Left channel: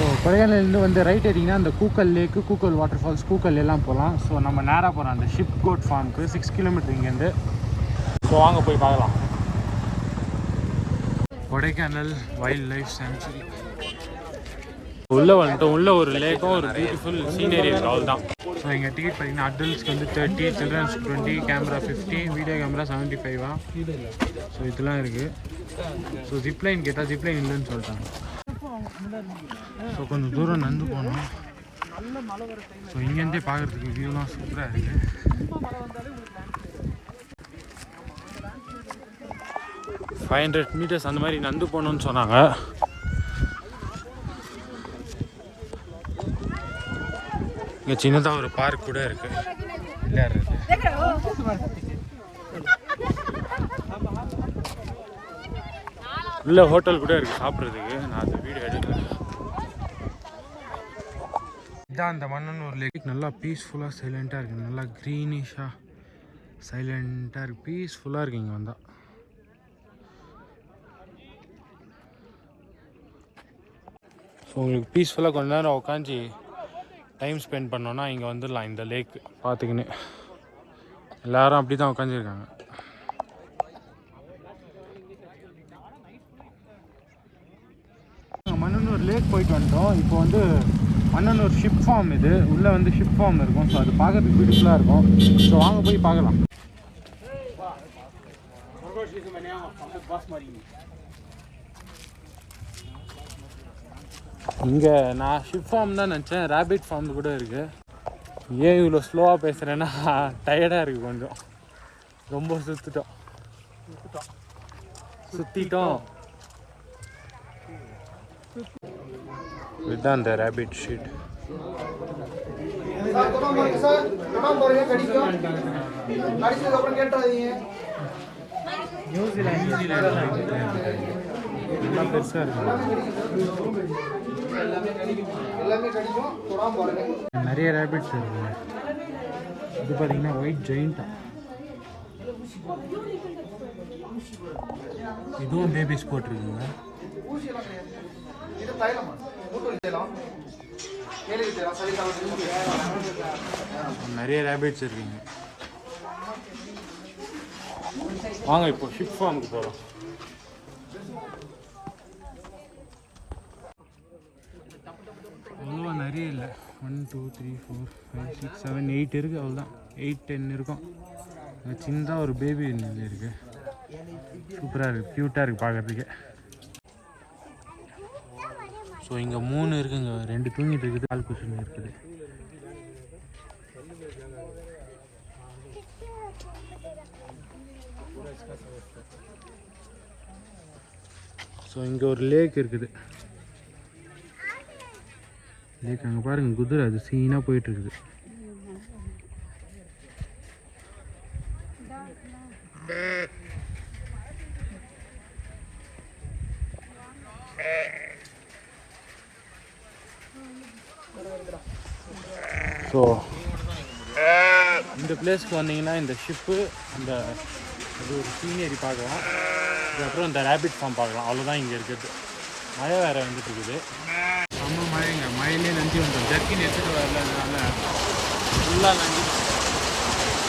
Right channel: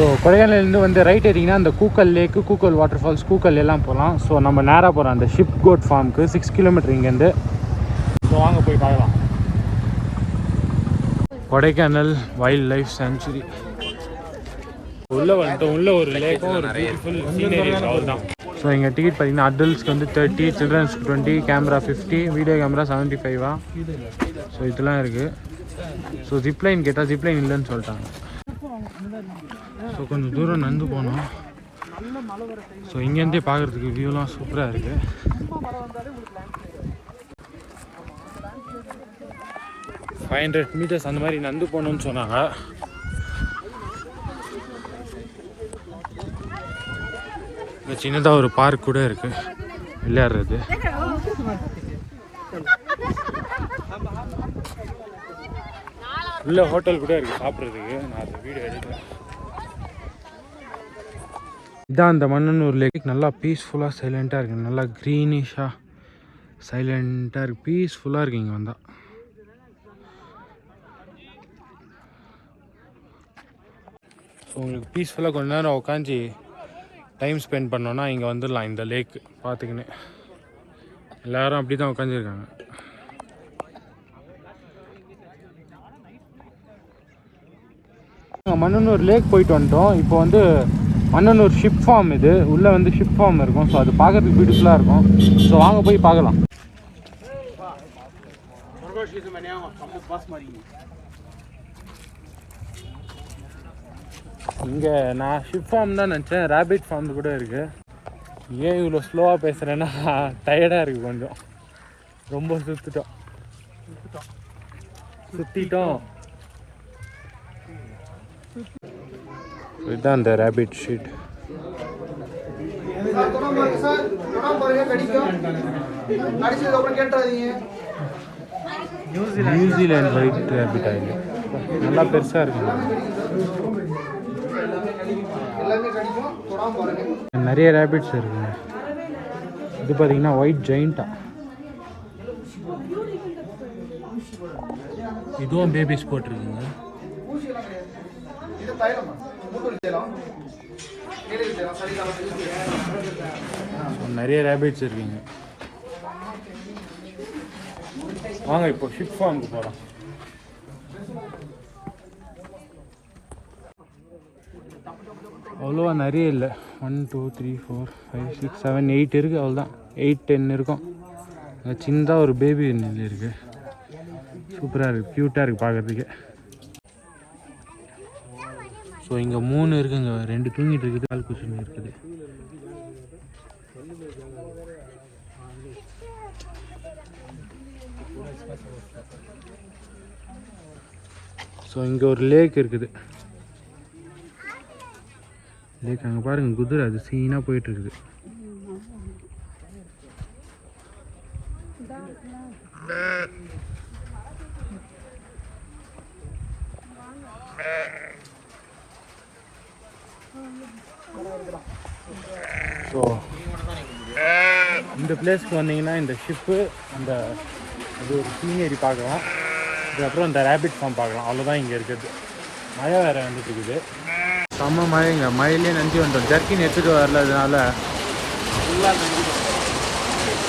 So கொடைக்கானலேருந்து வந்து right ஏறிங்கன்னா அந்த coucal லேக்கு, coucal water falls, coucal எல்லாம் போகலாம். ஸோ நம்ம நேராக போகிறோம் அந்த ஷிப் கோட் ஃபார்முக்கு. 6 கிலோமீட்டர் இங்கேருந்து. ஸோ வாங்க போய் பார்க்கலாம். கொடைக்கானல் வைல்ட் லைஃப் சாங்சுரி உள்ளே வந்துட்டோம். உள்ளே ஒரு லேக்கும் ஒரு பியூட்டிஃபுல் சீனரி இருக்குது, அவ்வளோதான். ஸோ எங்கள் டிக்கெட் பார்த்தீங்கன்னா அடல்ட்ஸ்க்கு வந்து 30, சில்ட்ரன்ஸ்க்கு 20, கேமரா 50, வீடியோ கேமரா 75. ஸோ இதெல்லாம் இருக்குது. ஸோ ஜிப்லைன் கேட்டால் ஜிப்லைன் இல்லைன்னு சொல்லிட்டாங்க. ஸோ கொஞ்சம் தூரம் நடந்து போனோம். ஸோ இங்கேருந்தே பார்க்குறதுக்கு வியூலாம் சூப்பராக இருக்குது. 500 மீட்டர்ஸ் அந்த மாதிரி நடந்து போகணுன்னு சொன்னாங்க. இங்கே சின்னதாக ஒரு பார்க் கூட இருக்குது விளையாடுறது. உள்ள ஹோட்டல் கூட இருக்குது சாப்பிட்றதுக்கு. நான் அந்த வீடியோ எடுக்கல. இதான் அந்த மண்ணனூர் லேக். நல்லா பீஸ்ஃபுல்லாக சைலண்ட்டாக இருக்குது. நல்லா க்ரீனிஷாக சைலண்ட்டாக இருக்குது. பீஸ்ஃபுல்லாக இருக்குது இங்கே வந்தால். ஸோ உங்களுக்கு பீஸ்ஃபுல்லாக கொஞ்ச நேரம் உட்காந்து டைம் ஸ்பெண்ட் பண்ணோன்னா இங்கே வந்துடலாம். இந்த லேக் பார்த்துக்கின்னு எல்லோரும் அப்படி தான் உட்காந்துருக்காங்க. மண்ணனூர் லேக் போயிட்டு வந்துட்டோம். இப்போ வந்து மண்ணனூர் ஷிப் ஃபார்ம், இது உள்ளே வந்து ஷிப் ஃபார்ம் இருக்கும். ஸோ அது பார்க்கறதுக்கு பியூட்டிஃபுல்லாக இருக்கும். ஸோ வாங்க போய் பார்க்கலாம். இங்கே நான் ஷிப் ஃபார்ம் தான் நினச்சேன். ரேபிட் ஃபார்ம் கூட இருக்குது. ஏன் இவ்வளோ ஸ்லோவாக பேசுகிறேன்னா டயர்டாக இருக்குது கொஞ்சம். ரொம்ப சுற்றிட்டோம். இதுதான் அந்த rapid sheet. New Zealand white rapid ஆகுது. நல்லா பெருசாக இருக்குங்க. நிறைய ரேபிட்ஸ் இருக்குங்க. இது பார்த்தீங்கன்னா ஒயிட் ஜெயிண்டா. இதுவும் பேபிஸ் போட்டிருக்குங்க. நிறைய ரேபிட்ஸ் இருக்குங்க. வாங்க இப்போ ஷிப் ஃபார்முக்கு போகலாம். அவ்வளோவா நிறைய இல்லை. 1 2 3 4 5 6 7 8 இருக்குது. அவ்வளோதான். 8 10 இருக்கும். சின்னதாக ஒரு பேபி நெல் இருக்குது. சூப்பராக இருக்குது, க்யூட்டாக இருக்குது பார்க்குறதுக்கு. ஸோ இங்கே 3 இருக்குங்க. 2 தூங்கிட்டு இருக்குது, கால் குஷன் இருக்குது. ஸோ இங்கே ஒரு லேக் இருக்குது. லேக் அங்கே பாருங்கள், குதிரை அது சீனாக போயிட்டுருக்குது. ஸோ இந்த பிளேஸ்க்கு வந்தீங்கன்னா இந்த ஷிப்பு, அந்த அது ஒரு சீனரி பார்க்கலாம். அதுக்கப்புறம் இந்த ரேபிட் ஃபார்ம் பார்க்கலாம். அவ்வளோதான் இங்கே இருக்குது. மழை வேறு வந்துட்டு இருக்குது. செம்ம மழைங்க. மழையிலே நஞ்சு வந்துட்டோம். ஜர்க்கின் எடுத்துகிட்டு வரலதுனால ஃபுல்லாக நஞ்சிடும்.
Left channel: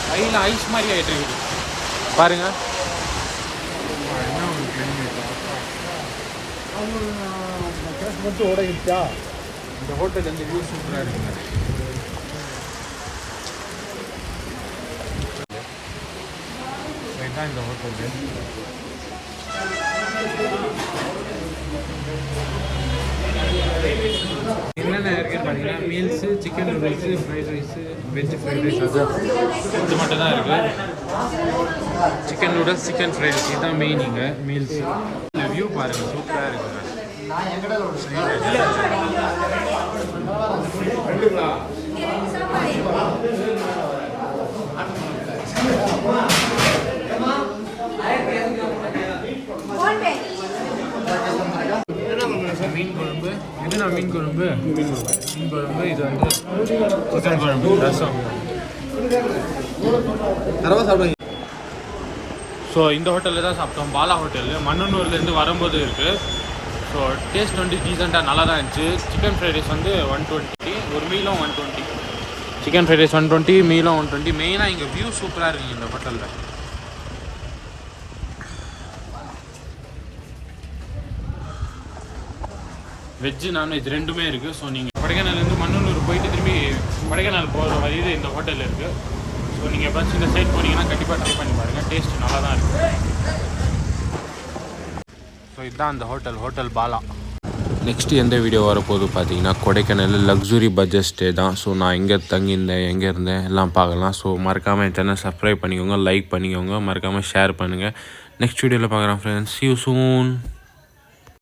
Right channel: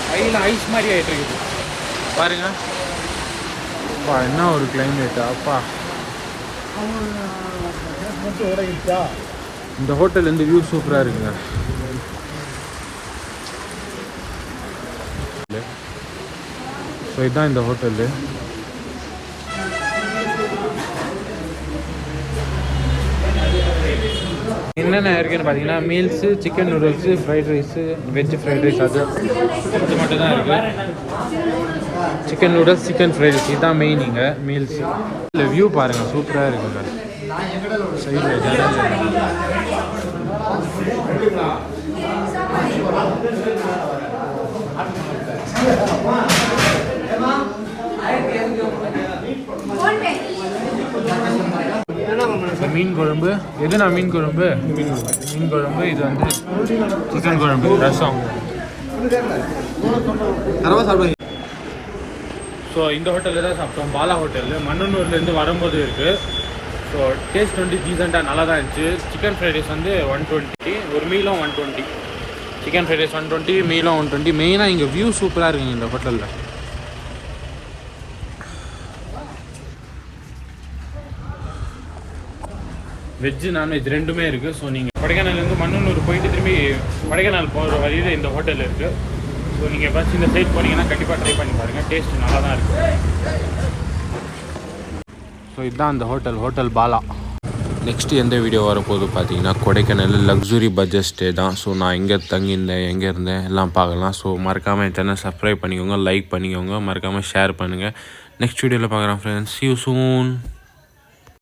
கையில் ஐஸ் மாதிரி ஆகிட்டு இருக்குது பாருங்கள். அப்பா என்ன ஒரு கிளைமேட்டா அப்பா. இந்த ஹோட்டல்லேருந்து வியூ சூப்பராக இருக்குங்க. ஸோ இதுதான் இந்த ஹோட்டலு. என்னென்ன இருக்குன்னு பார்த்தீங்கன்னா meals, chicken noodles, fried rice, veg fried rice, அது மட்டும் தான் இருக்குது. Chicken noodles, chicken fried rice இதுதான் மெயின் இங்கே மீல்ஸு. இல்லை வியூ பாருங்கள், சூப்பராக இருக்குங்க. சைடில் ஜனம். மீன் குழம்பு. எதுனா மீன் குழம்பு? மீன் குழம்பு. இது வந்து சிக்கன் குழம்பு, ரசம். ஸோ இந்த ஹோட்டலில் தான் சாப்பிட்டோம். பாலா ஹோட்டலு மண்ணனூர்லேருந்து வரும்போது இருக்குது. ஸோ டேஸ்ட் வந்து டீசெண்டாக நல்லா தான் இருந்துச்சு. சிக்கன் ஃப்ரைட் ரைஸ் வந்து 120, ஒரு மீலும் 120. Chicken fried rice 120, மீலும் 120. மெயினாக இங்கே வியூ சூப்பராக இருக்குங்க இந்த ஹோட்டலில். வெஜ்ஜு நான்வெஜ் ரெண்டுமே இருக்குது. ஸோ நீங்கள் கொடைக்கானல்லேருந்து மண்ணூர் போயிட்டு திரும்பி கொடைக்கானல் போகிற வழியில் இந்த ஹோட்டல் இருக்குது. ஸோ நீங்கள் எப்போச்சும் இந்த சைட் போனீங்கன்னா கண்டிப்பாக ட்ரை பண்ணி பாருங்கள். டேஸ்ட் நல்லா தான் இருக்குது. ஸோ இதுதான் அந்த ஹோட்டல் பாலா. நெக்ஸ்ட்டு எந்த வீடியோ வரப்போகுது பார்த்தீங்கன்னா கொடைக்கானல் லக்ஸுரி பட்ஜெட் ஸ்டே தான். ஸோ நான் எங்கே தங்கியிருந்தேன், எங்கே இருந்தேன் எல்லாம் பார்க்கலாம். ஸோ மறக்காமல் என் சேனல் சப்ஸ்கிரைப் பண்ணிக்கோங்க, லைக் பண்ணிக்கோங்க, மறக்காமல் ஷேர் பண்ணுங்கள். நெக்ஸ்ட் வீடியோவில் பார்க்குறேன் ஃப்ரெண்ட்ஸ். See you soon.